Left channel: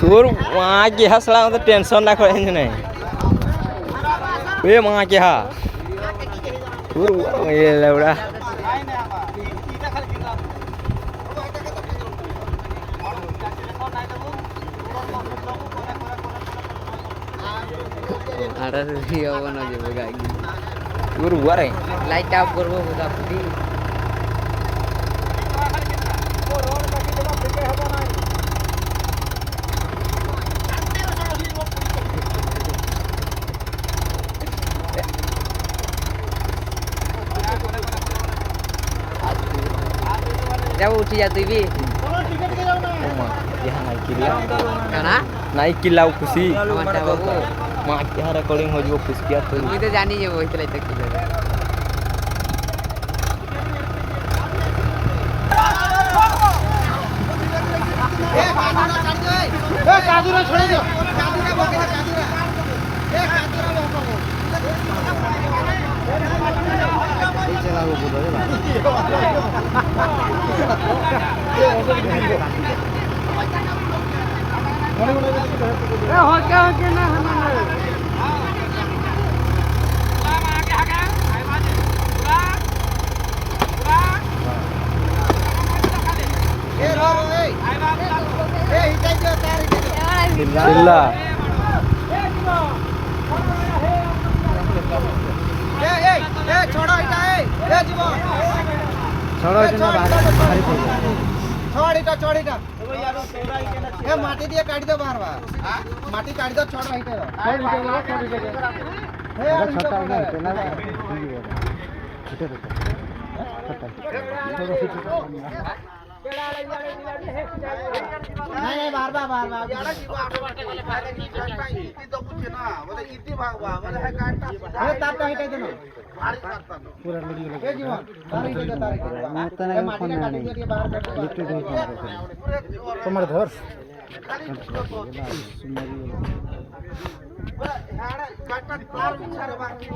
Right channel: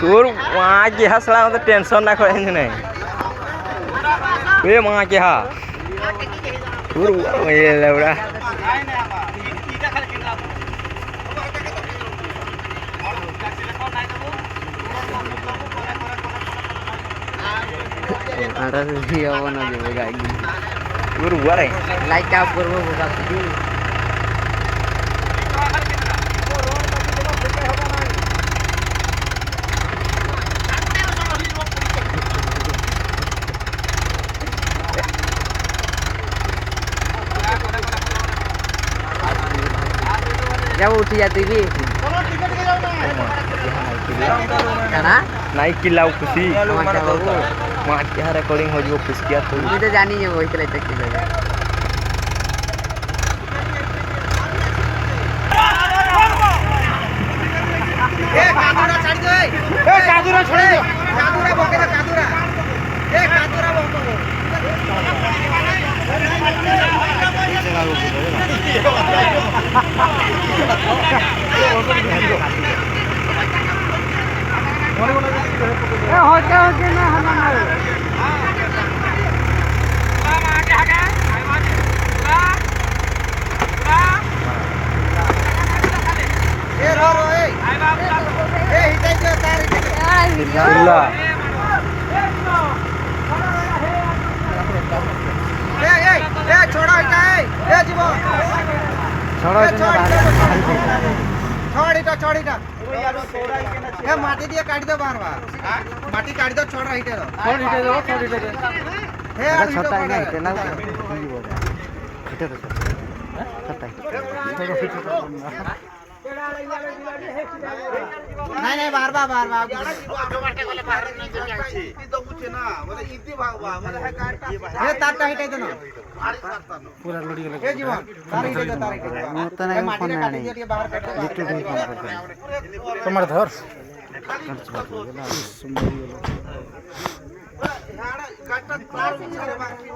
তোর মা কি হাসলা আমাদের টেনশন না করে নাই ওই মা কি হা তোর ওরা তোর উয়ারে লাইট অফ করবো যাও উঠি যা তুই নাই কিলাও খুশি মা কি রেকর্ডিং हो जो खुश किया तो তুই তো জানি যে ওই খেলাইতে কি করবে चिल्ला माटी दिए काट दो बार बार माटी काट दो छोड़ा हिटे दो नहीं बार बार बार बार तारटा हिटे दो पूरा लड़ी ए जीवन तार हिटे दो तार हिटे दो तो नहीं फोन नहीं लिट्टू दे तुम्हारे धर काटता तार बिछारे बाकी